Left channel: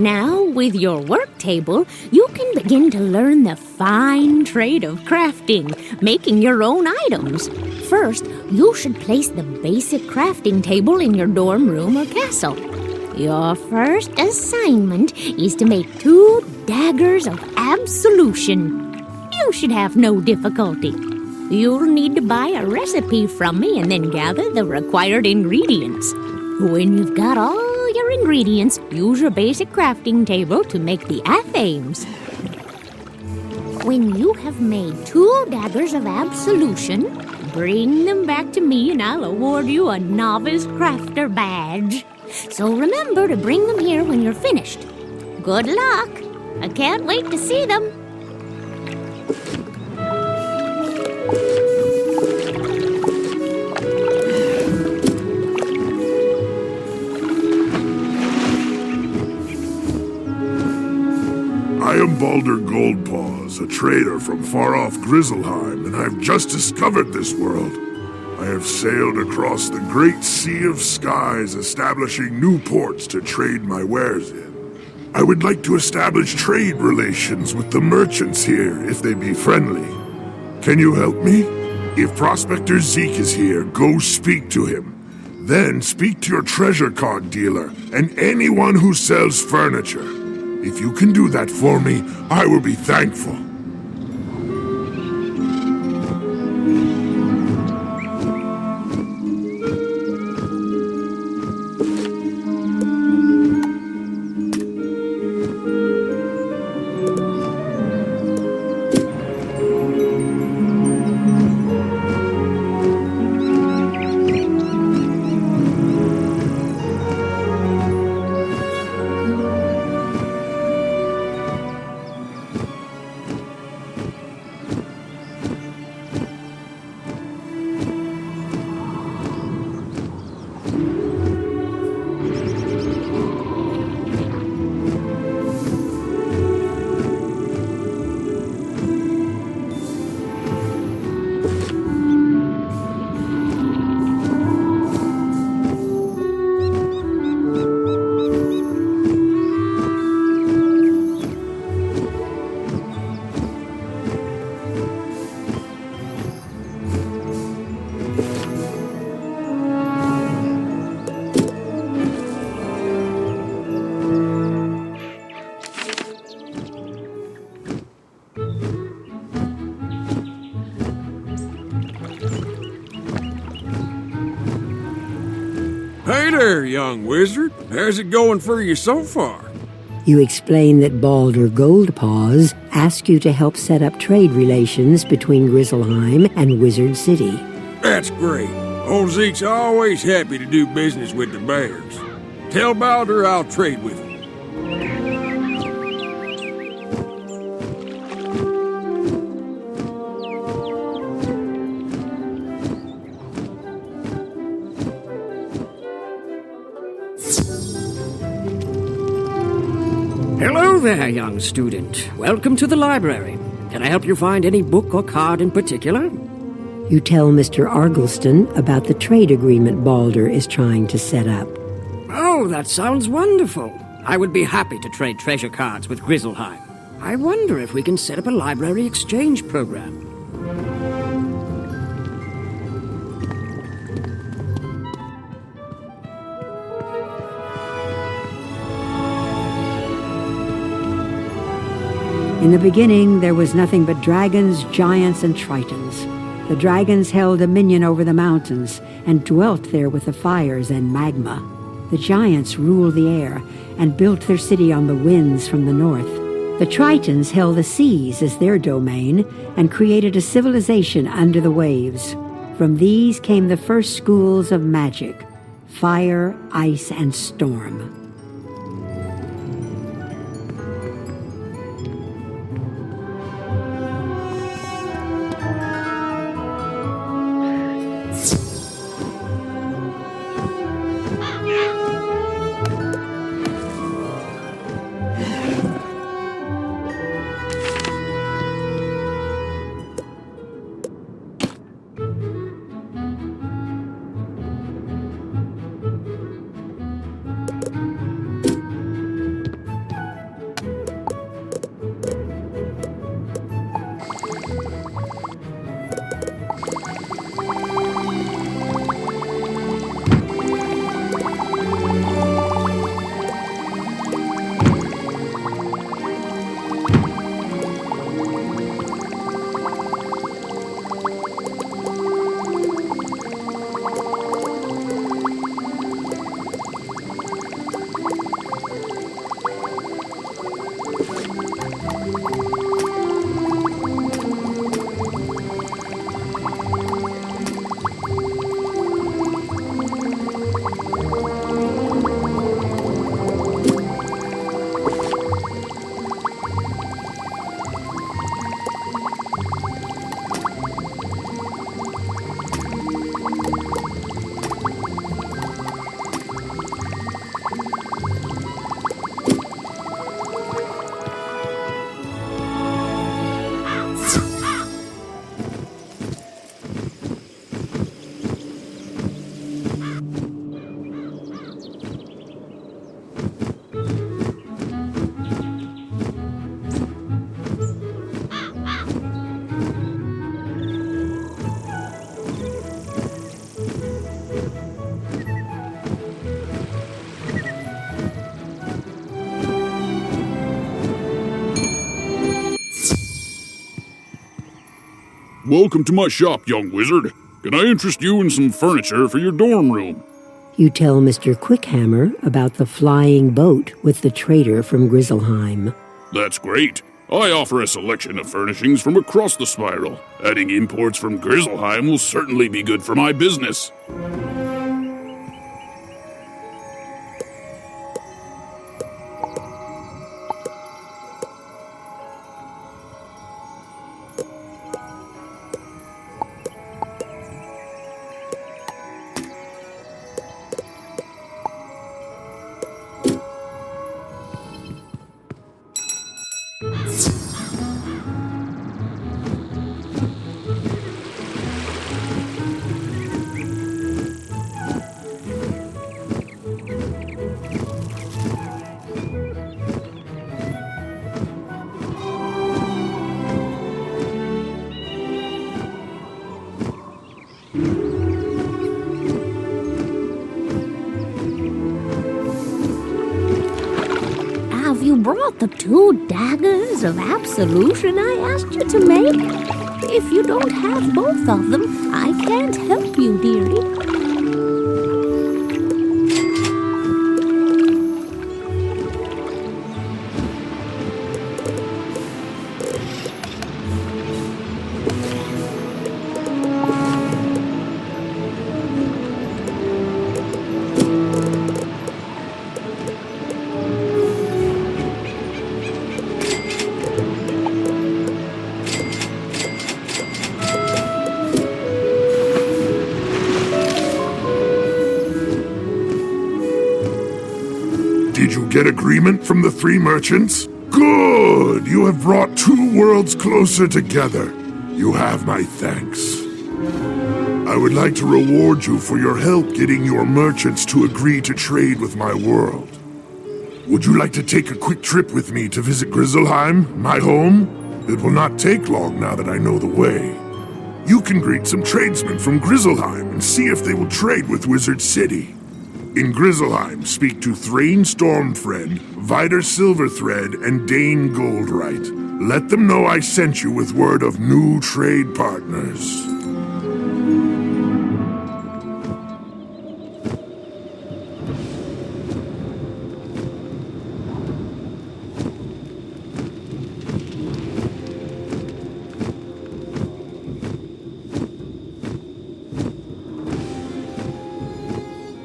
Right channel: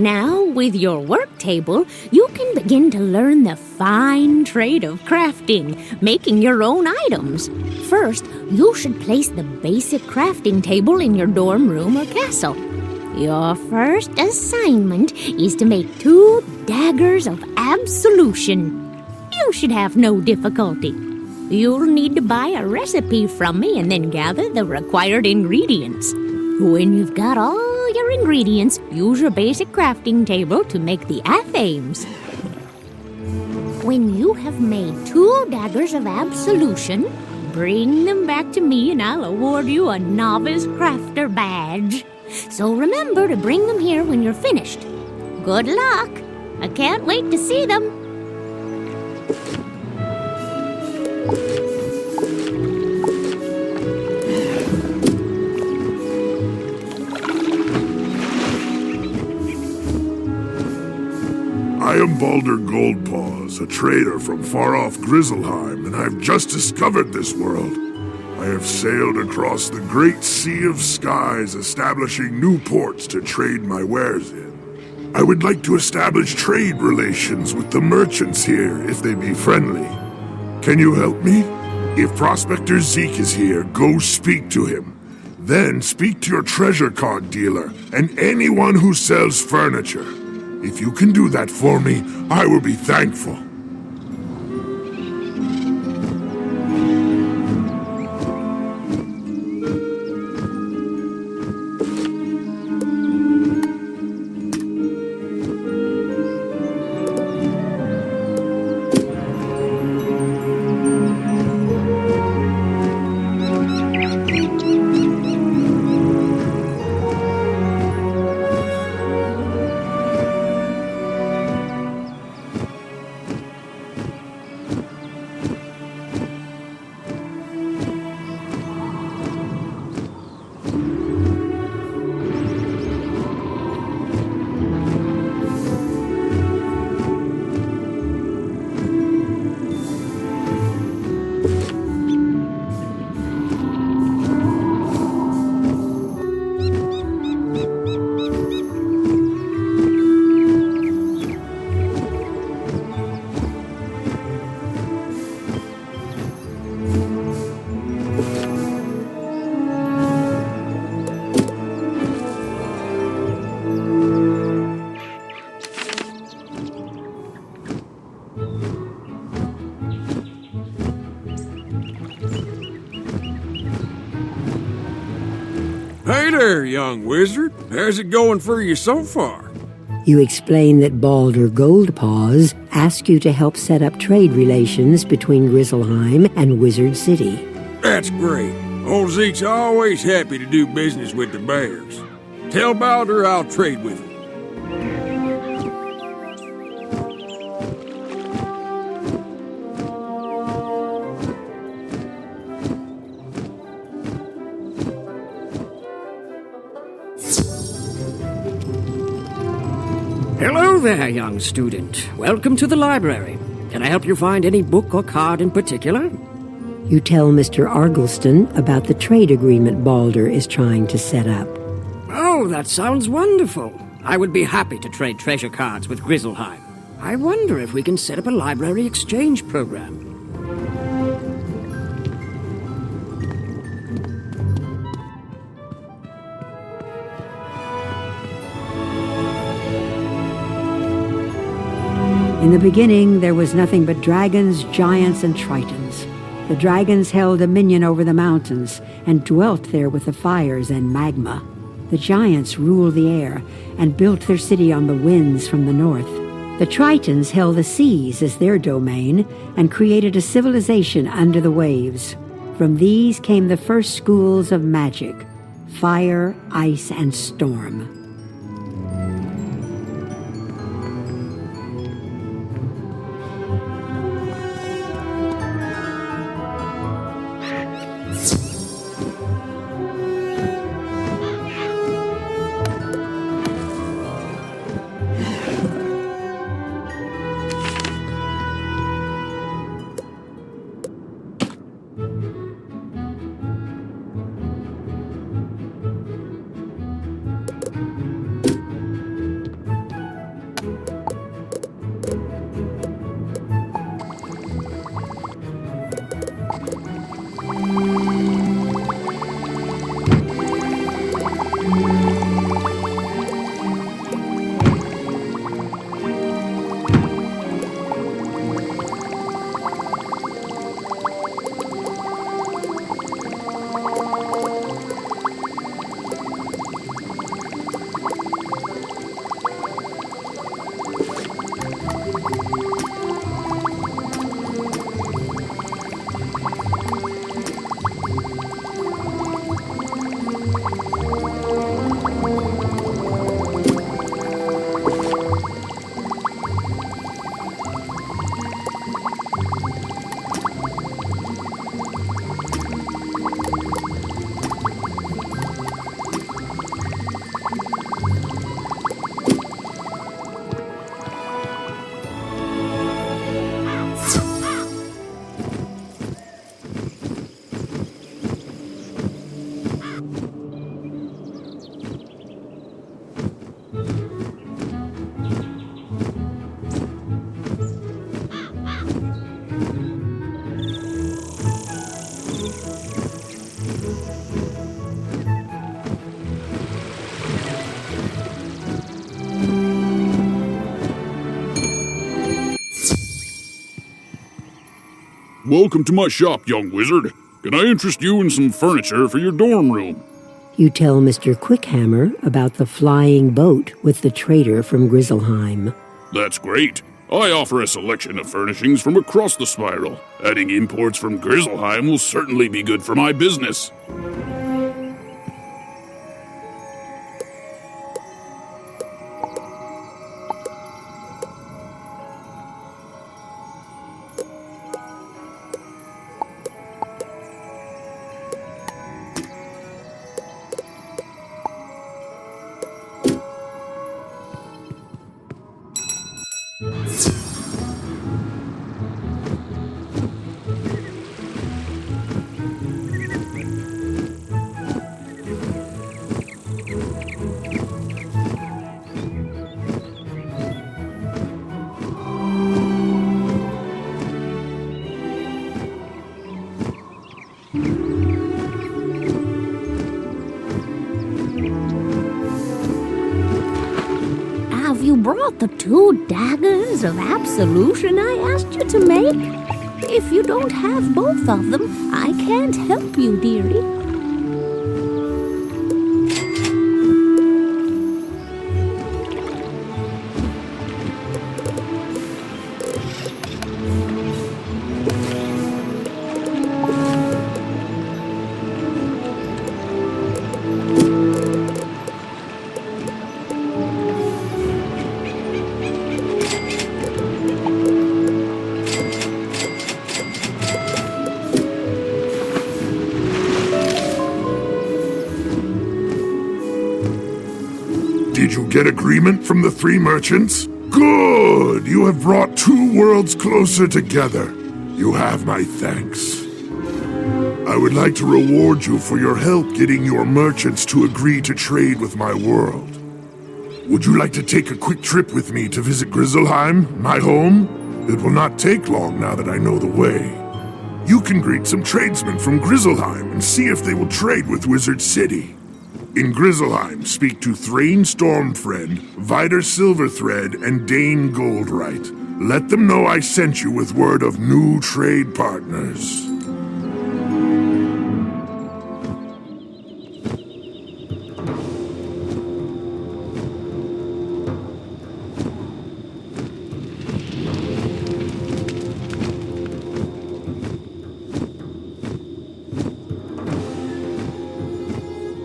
Now, with your work table, you can begin to learn the fine trade of crafting, making your own items. First, you should place the basic crafting table in your dorm room or castle. Your first assignment is to make 2 daggers of absolution. You should have no difficulty. You'll need to buy a recipe from me and then gather the required ingredients. When you've got all your ingredients, use your basic crafting table to make the athames. When you have made 2 daggers of absolution, bring them back to me and I'll award you a novice crafter badge. So remember to bring them here when you're finished. Good luck! I can't wait to see them. I am Baldur Goldpaws, a trader from far-off Grizzleheim, and I've just discovered this world. I have sailed across the great sea of skies, establishing new ports to trade my wares in. I would like to establish trade relations with the merchants here, if they be friendly. Can you help me? If Prospector Zeke is here, go speak to him. Then speak to your treasure card dealer and anyone who sells furniture. If you can do that for me, I will be thankful. Hey there, young wizard. How's it going for you so far? You explain that Baldur Goldpaws asked you to help set up trade relations between Grizzleheim and Wizard City. That's great. Old Zeke's always happy to do business with the bears. Tell Baldur I'll trade with him. Hello there, young student. Welcome to the library. Can I help you find any book or card in particular? You tell Mr. Argleston about the trade agreement Baldur is trying to set up. Oh, that sounds wonderful. I would be happy to trade treasure cards with Grizzleheim. I wonder if we can set up a library exchange program. In the beginning, there was nothing but dragons, giants, and tritons. The dragons held dominion over the mountains and dwelt there with the fires and magma. The giants ruled the air and built their city on the winds from the north. The tritons held the seas as their domain and created a civilization under the waves. From these came the first schools of magic: fire, ice, and storm. Welcome to my shop, young wizard. Can I interest you in some furniture for your dorm room? You tell Mr. Quickhammer about the flying boat with the trader from Grizzleheim. That's great. I offer a selection of furnishings from across the spiral. Adding imports from Grizzleheim will certainly be good for my business. Have you brought the 2 daggers of absolution I asked you to make? If you don't have both of them, I can't help you, dearie. Did you get agreement from the 3 merchants? Good! You have brought 2 worlds closer together. You have my thanks. I would like to reward you for your help getting your merchants to agree to trade with my world. Would you like to take a quick trip with me to visit Grizzleheim, my home? It will not take long now that I know the way. You can greet some tradesmen from Grizzleheim and see if they will trade with Wizard City. In Grizzleheim, speak to Thrain Stormfriend, Vider Silverthread, and Dane Goldright. Let them know I sent you with word of new trade partners.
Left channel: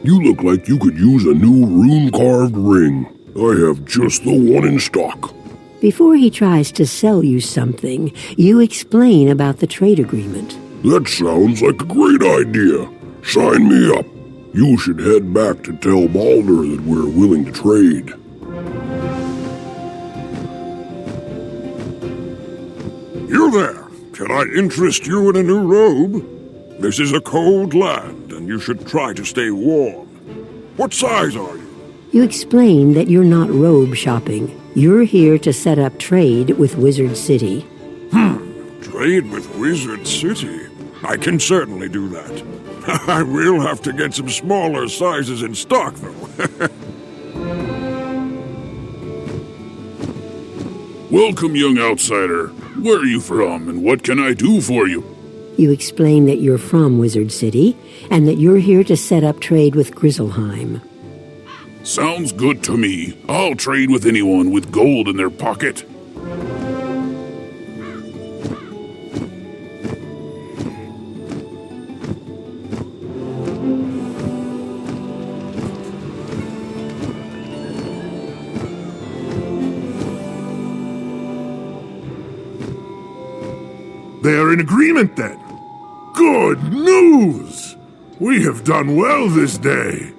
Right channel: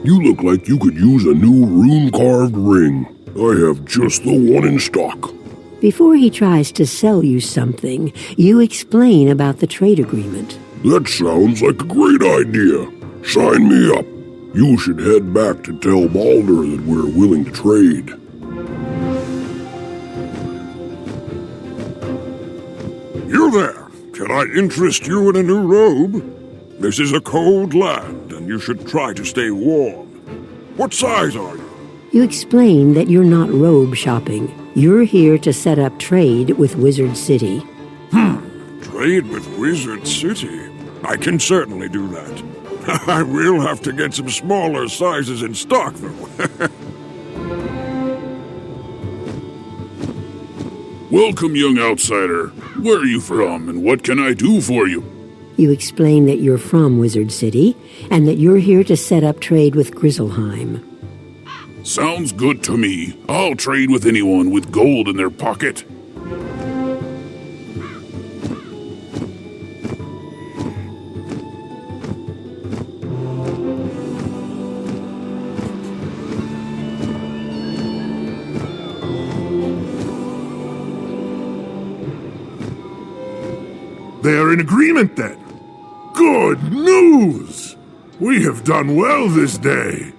You look like you could use a new rune-carved ring. I have just the one in stock. Before he tries to sell you something, you explain about the trade agreement. That sounds like a great idea. Sign me up. You should head back to tell Balder that we're willing to trade. You there! Can I interest you in a new robe? This is a cold land, and you should try to stay warm. What size are you? You explain that you're not robe shopping. You're here to set up trade with Wizard City. Trade with Wizard City? I can certainly do that. I will have to get some smaller sizes in stock, though. Welcome, young outsider. Where are you from, and what can I do for you? You explain that you're from Wizard City, and that you're here to set up trade with Grizzleheim. Sounds good to me. I'll trade with anyone with gold in their pocket. They are in agreement then. Good news! We have done well this day.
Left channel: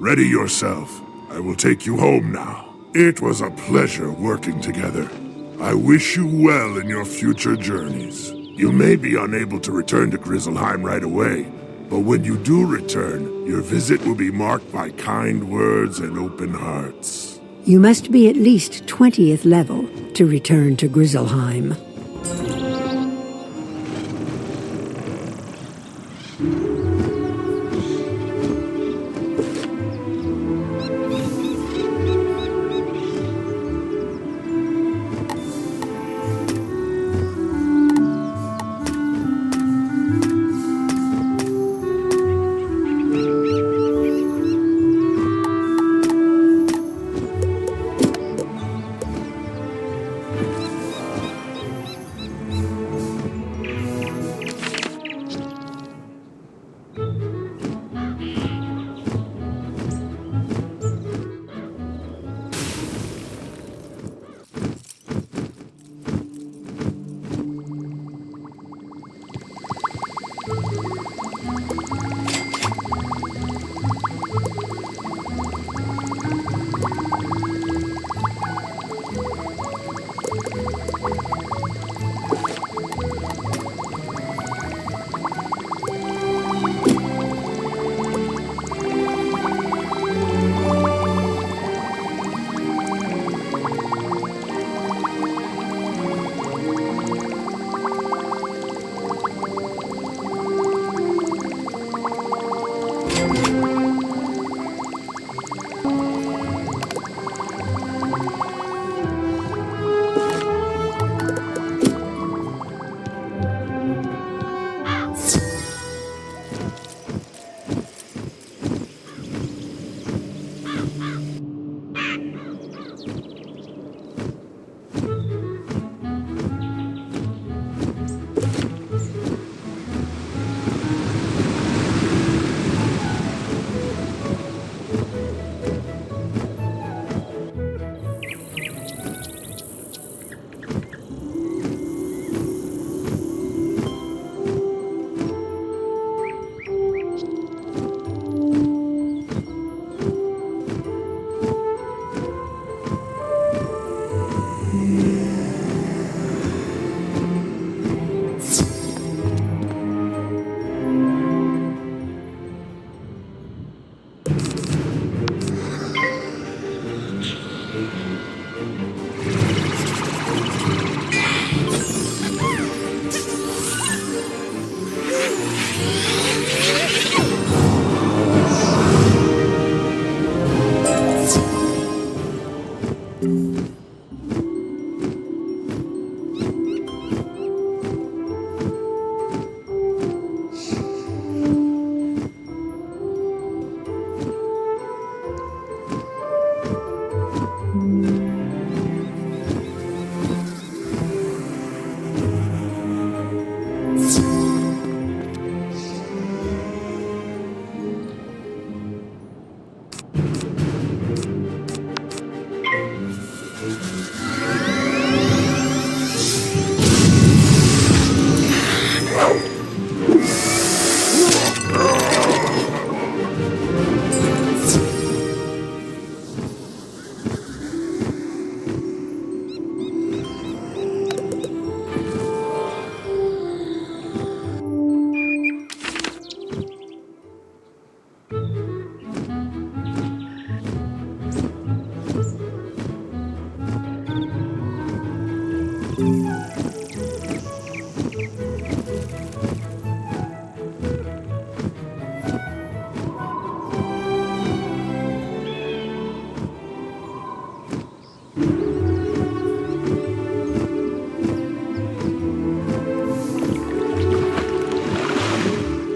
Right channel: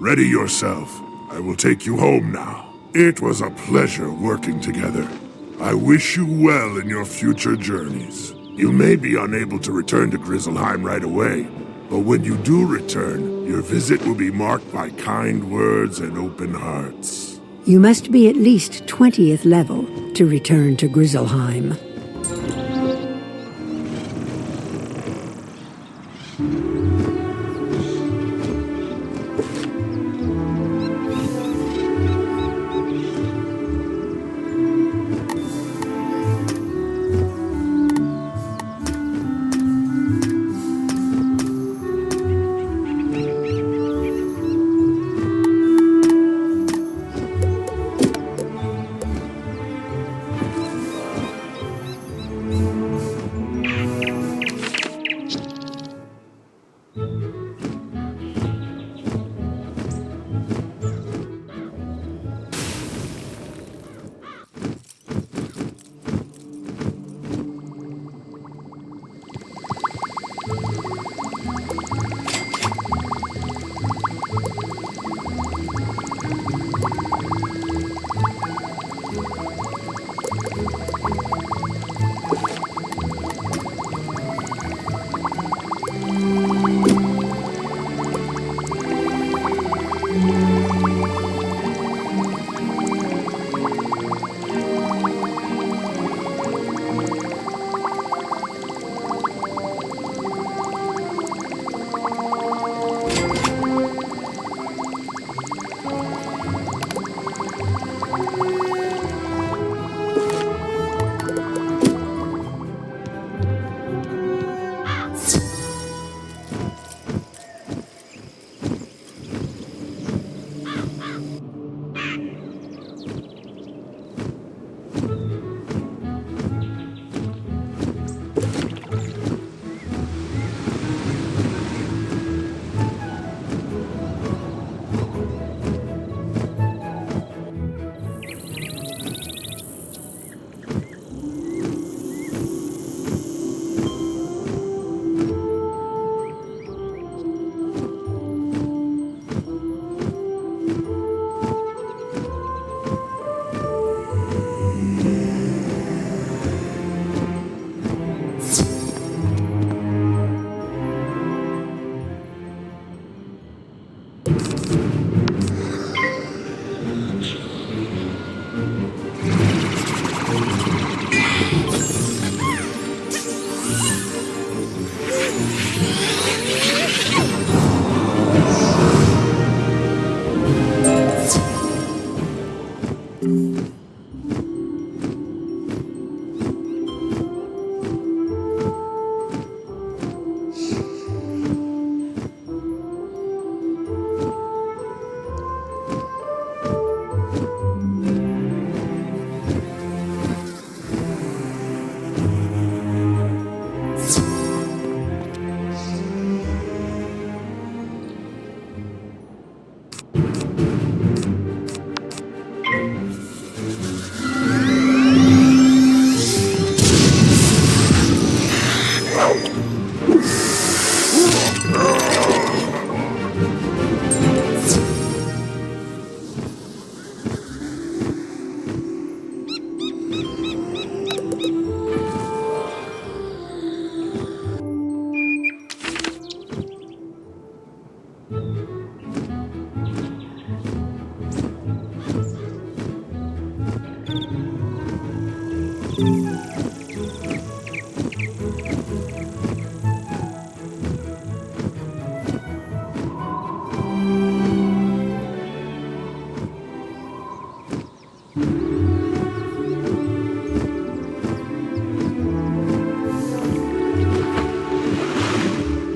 Ready yourself. I will take you home now. It was a pleasure working together. I wish you well in your future journeys. You may be unable to return to Grizzleheim right away, but when you do return, your visit will be marked by kind words and open hearts. You must be at least 20th level to return to Grizzleheim.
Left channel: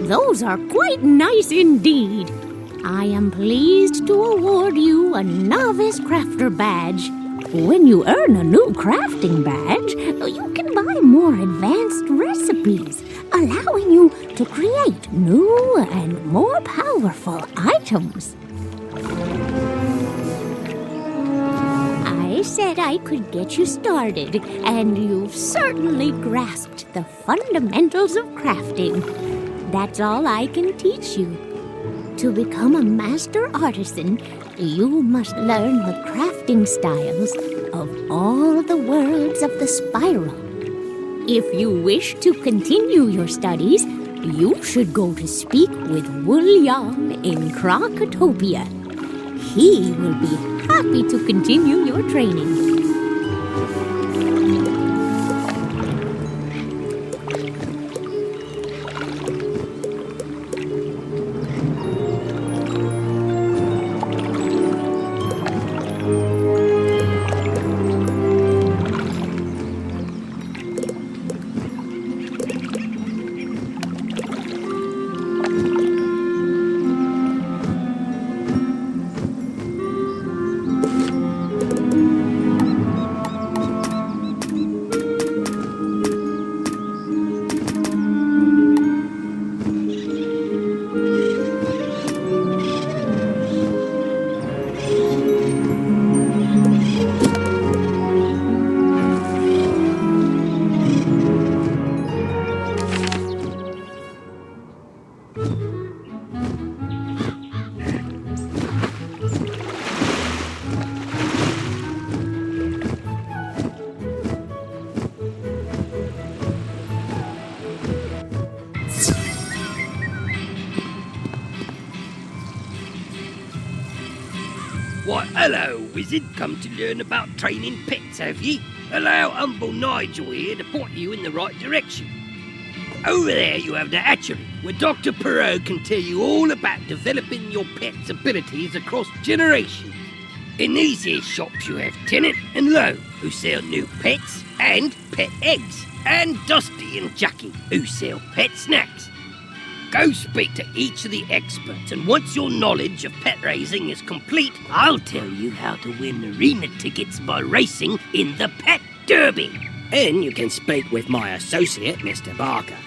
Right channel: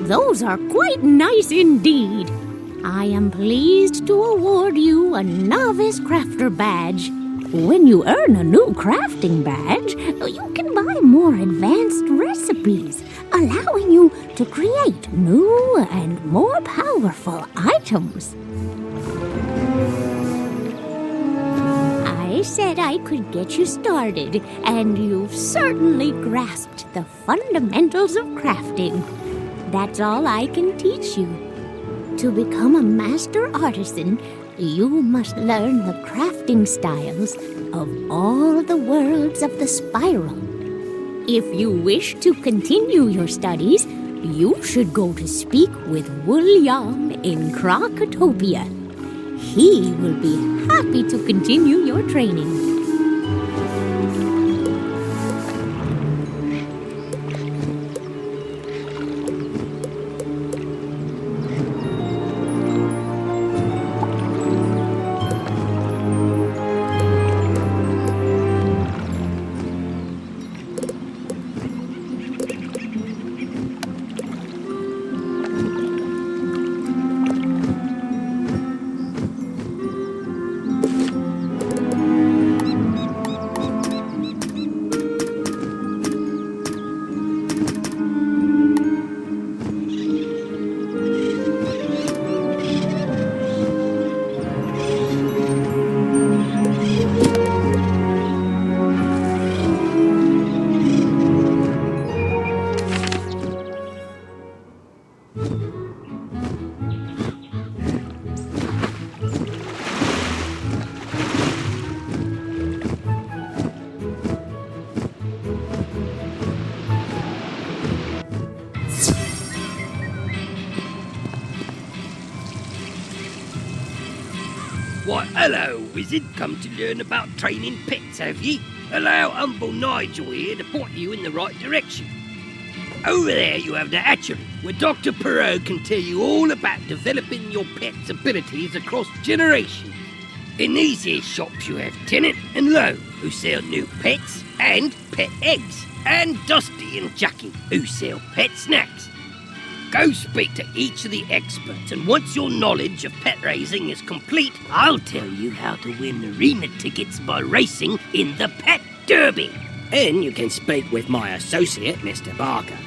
those are quite nice indeed. I am pleased to award you a Novice Crafter badge. When you earn a new crafting badge, you can buy more advanced recipes, allowing you to create new and more powerful items. I said I could get you started, and you've certainly grasped the fundamentals of crafting. That's all I can teach you. To become a master artisan, you must learn the crafting styles of all the worlds of the spiral. If you wish to continue your studies, you should go to speak with William in Crocotopia. He will be happy to continue your training. Why, hello, wizard. Come to learn about training pets, have ye? Allow humble Nigel here to point you in the right direction. Over there you have the hatchery, where Dr. Perot can tell you all about developing your pet's abilities across generations. In these here shops you have Tennant and Lowe, who sell new pets and pet eggs, and Dusty and Jackie, who sell pet snacks. Go speak to each of the experts, and once your knowledge of pet raising is complete, I'll tell you how to win arena tickets by racing in the Pet Derby. And you can speak with my associate, Mr. Barker.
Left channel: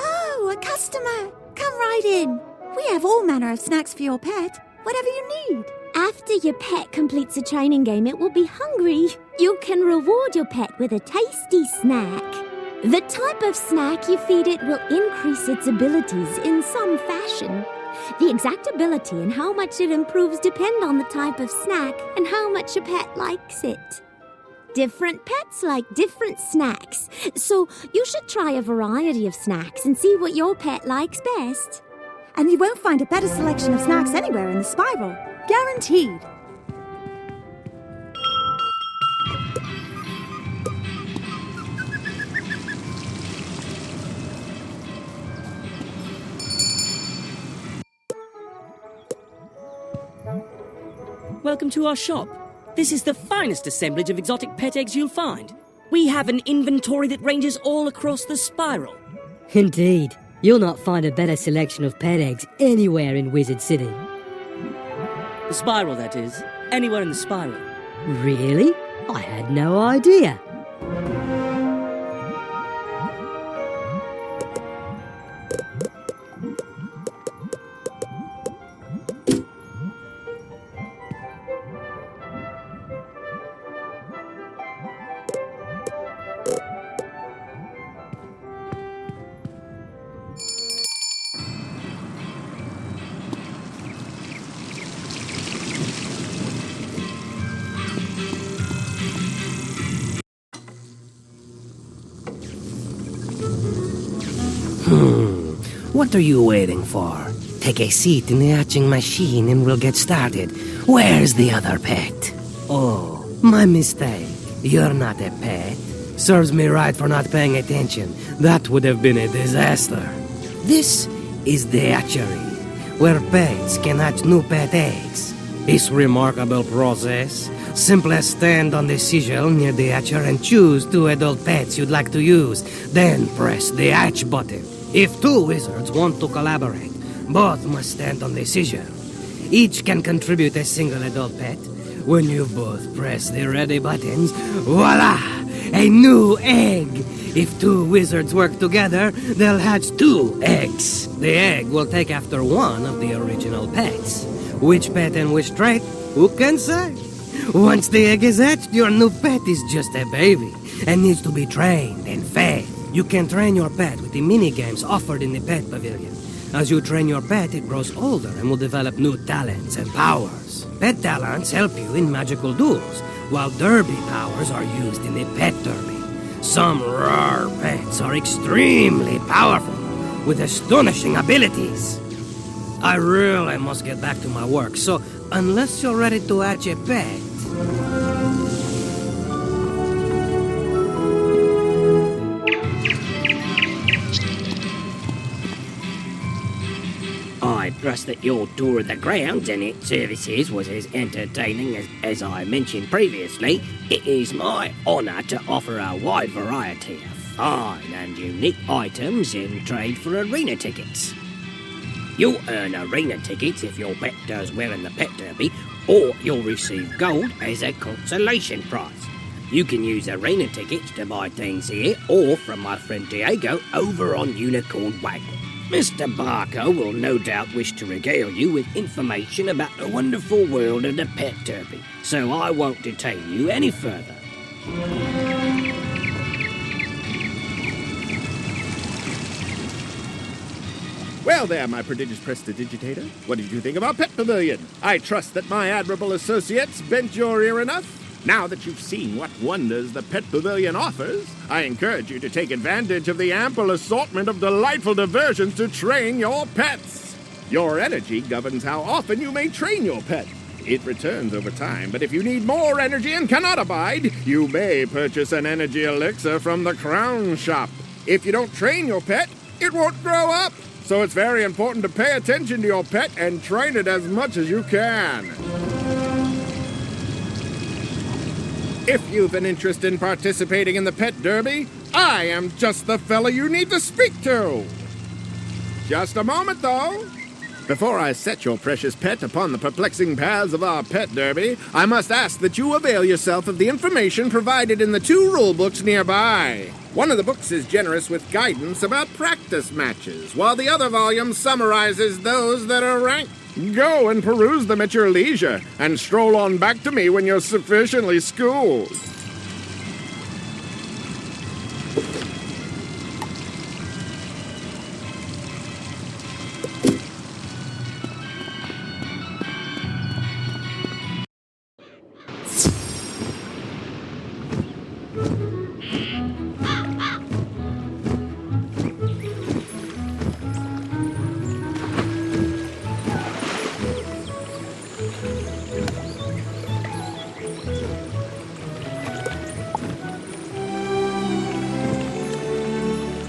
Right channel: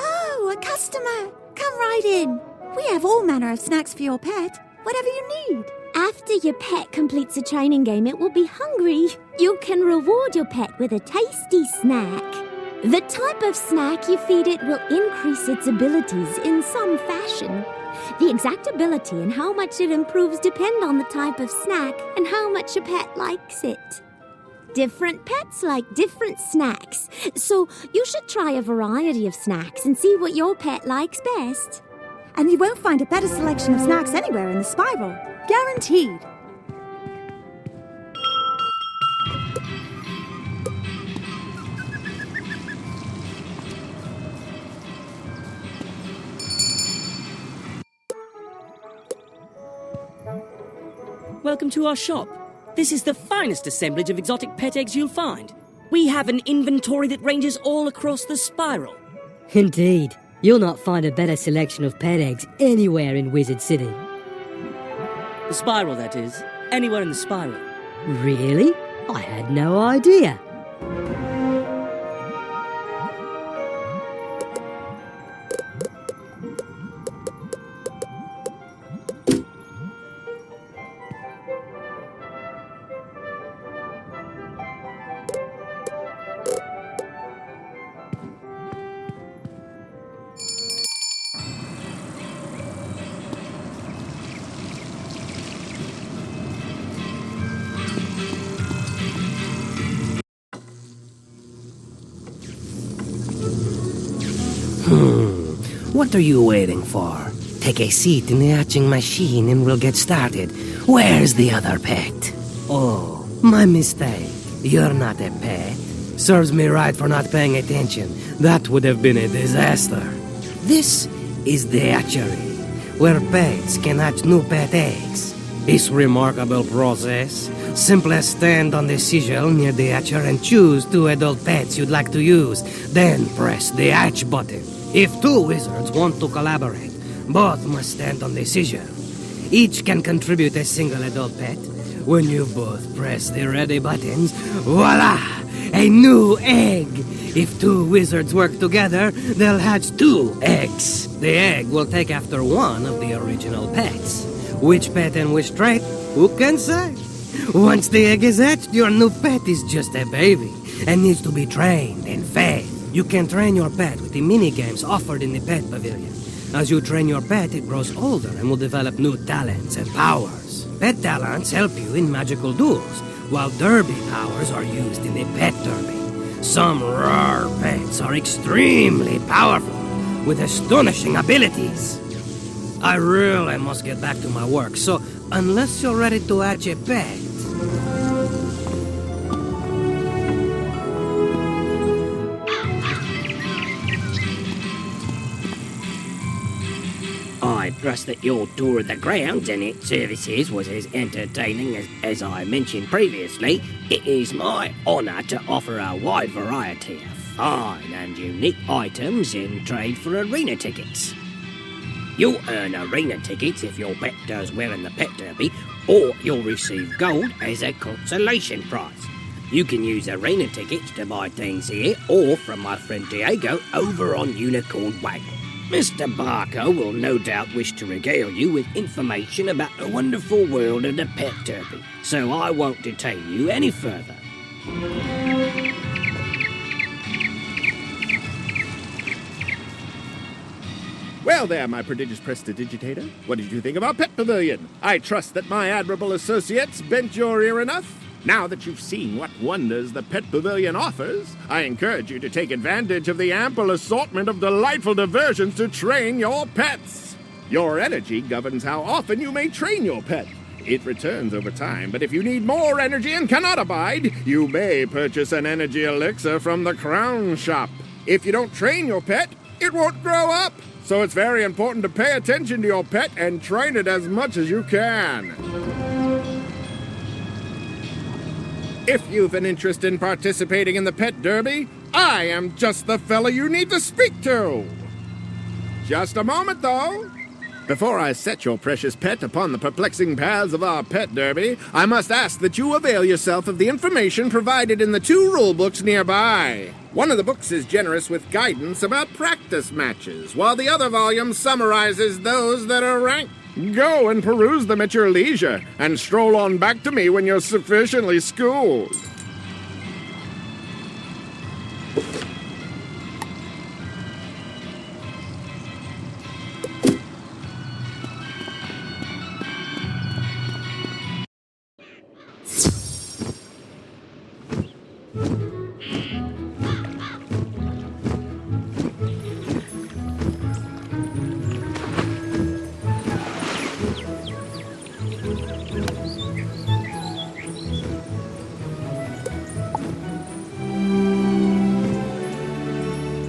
Oh, a customer! Come right in. We have all manner of snacks for your pet. Whatever you need. After your pet completes a training game, it will be hungry. You can reward your pet with a tasty snack. The type of snack you feed it will increase its abilities in some fashion. The exact ability and how much it improves depend on the type of snack and how much a pet likes it. Different pets like different snacks, so you should try a variety of snacks and see what your pet likes best. And you won't find a better selection of snacks anywhere in the spiral. Guaranteed. Welcome to our shop. This is the finest assemblage of exotic pet eggs you'll find. We have an inventory that ranges all across the spiral. Indeed. You'll not find a better selection of pet eggs anywhere in Wizard City. The spiral, that is. Anywhere in the spiral. Really? I had no idea. What are you waiting for? Take a seat in the hatching machine and we'll get started. Where's the other pet? Oh, my mistake. You're not a pet. Serves me right for not paying attention. That would have been a disaster. This is the hatchery, where pets can hatch new pet eggs. This remarkable process simply stand on the sigil near the hatcher and choose 2 adult pets you'd like to use. Then press the hatch button. If 2 wizards want to collaborate, both must stand on the sigil. Each can contribute a single adult pet. When you both press the ready buttons, voila! A new egg! If 2 wizards work together, they'll hatch 2 eggs. The egg will take after one of the original pets. Which pet and which trait? Who can say? Once the egg is hatched, your new pet is just a baby and needs to be trained and fed. You can train your pet with the mini-games offered in the pet pavilion. As you train your pet, it grows older and will develop new talents and powers. Pet talents help you in magical duels, while derby powers are used in the pet derby. Some rare pets are extremely powerful, with astonishing abilities. I really must get back to my work, so unless you're ready to hatch a pet... I trust that your tour of the grounds and its services was as entertaining as I mentioned previously. It is my honour to offer a wide variety of fine and unique items in trade for arena tickets. You'll earn arena tickets if your pet does well in the pet derby, or you'll receive gold as a consolation prize. You can use arena tickets to buy things here, or from my friend Diego over on Unicorn Way. Mr. Barker will no doubt wish to regale you with information about the wonderful world of the pet derby, so I won't detain you any further. Well there, my prodigious prestidigitator. What did you think of our pet pavilion? I trust that my admirable associates bent your ear enough. Now that you've seen what wonders the pet pavilion offers, I encourage you to take advantage of the ample assortment of delightful diversions to train your pets. Your energy governs how often you may train your pet. It returns over time, but if you need more energy and cannot abide, you may purchase an energy elixir from the Crown Shop. If you don't train your pet, it won't grow up. So it's very important to pay attention to your pet and train it as much as you can. If you've an interest in participating in the pet derby, I am just the fella you need to speak to. Just a moment, though. Before I set your precious pet upon the perplexing paths of our pet derby, I must ask that you avail yourself of the information provided in the 2 rule books nearby. One of the books is generous with guidance about practice matches, while the other volume summarizes those that are ranked. Go and peruse them at your leisure, and stroll on back to me when you're sufficiently schooled.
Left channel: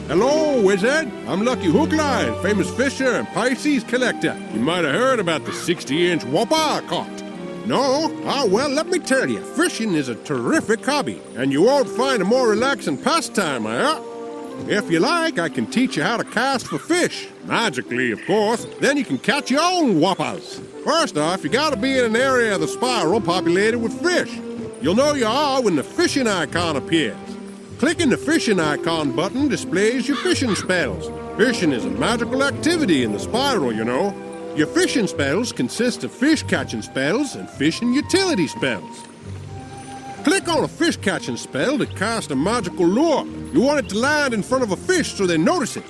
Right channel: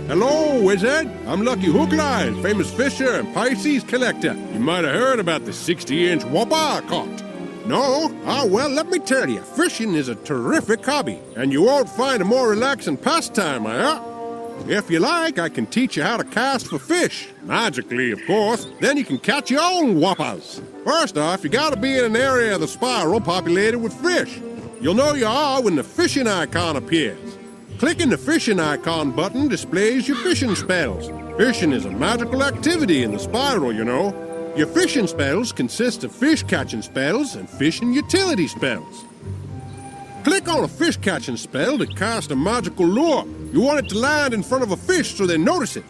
Hello, wizard. I'm Lucky Hookline, famous fisher and Pisces collector. You might have heard about the 60-inch whopper I caught. No? Ah, well, let me tell you, fishing is a terrific hobby, and you won't find a more relaxing pastime, If you like, I can teach you how to cast for fish. Magically, of course. Then you can catch your own whoppers. First off, you gotta be in an area of the spiral populated with fish. You'll know you are when the fishing icon appears. Clicking the fishing icon button displays your fishing spells. Fishing is a magical activity in the spiral, you know. Your fishing spells consist of fish-catching spells and fishing utility spells. Click on a fish-catching spell to cast a magical lure. You want it to land in front of a fish so they notice it.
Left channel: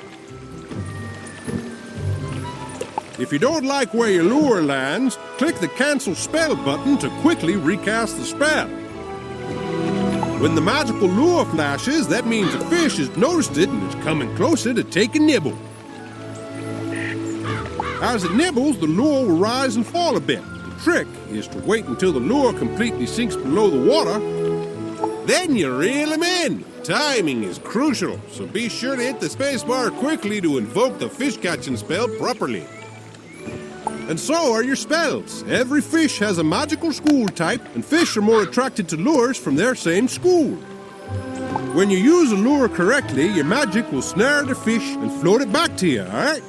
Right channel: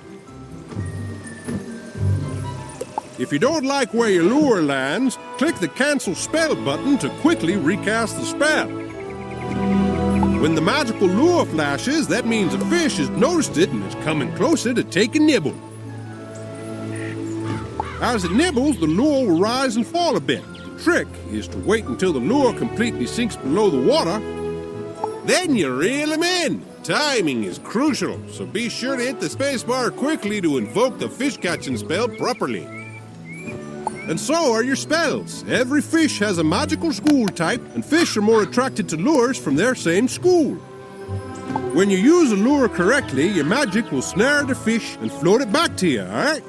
If you don't like where your lure lands, click the Cancel Spell button to quickly recast the spell. When the magical lure flashes, that means a fish has noticed it and is coming closer to take a nibble. As it nibbles, the lure will rise and fall a bit. The trick is to wait until the lure completely sinks below the water. Then you reel him in. Timing is crucial, so be sure to hit the spacebar quickly to invoke the fish-catching spell properly. And so are your spells. Every fish has a magical school type, and fish are more attracted to lures from their same school. When you use a lure correctly, your magic will snare the fish and float it back to you, alright?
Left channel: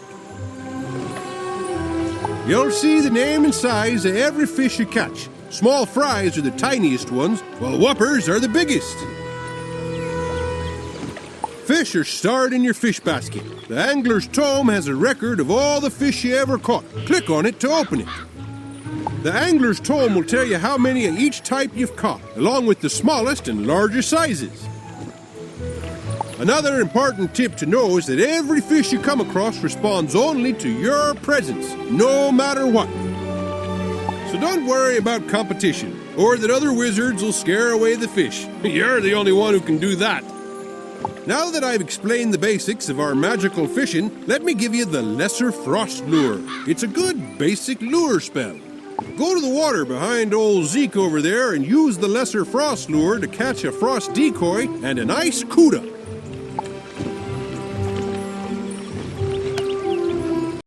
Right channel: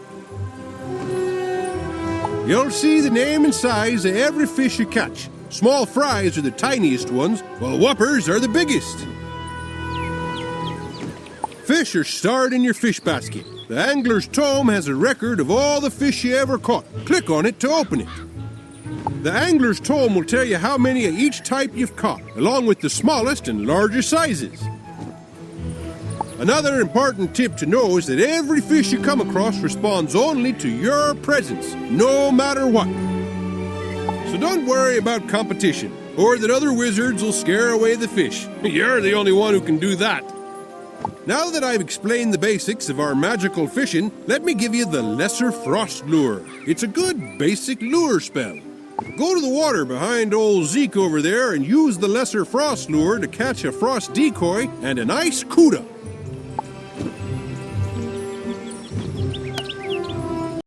You'll see the name and size of every fish you catch. Small fries are the tiniest ones, while whoppers are the biggest. Fish are stored in your fish basket. The angler's tome has a record of all the fish you ever caught. Click on it to open it. The angler's tome will tell you how many of each type you've caught, along with the smallest and largest sizes. Another important tip to know is that every fish you come across responds only to your presence, no matter what. So don't worry about competition, or that other wizards will scare away the fish. You're the only one who can do that. Now that I've explained the basics of our magical fishing, let me give you the Lesser Frost Lure. It's a good basic lure spell. Go to the water behind old Zeke over there and use the Lesser Frost Lure to catch a frost decoy and an ice cuda.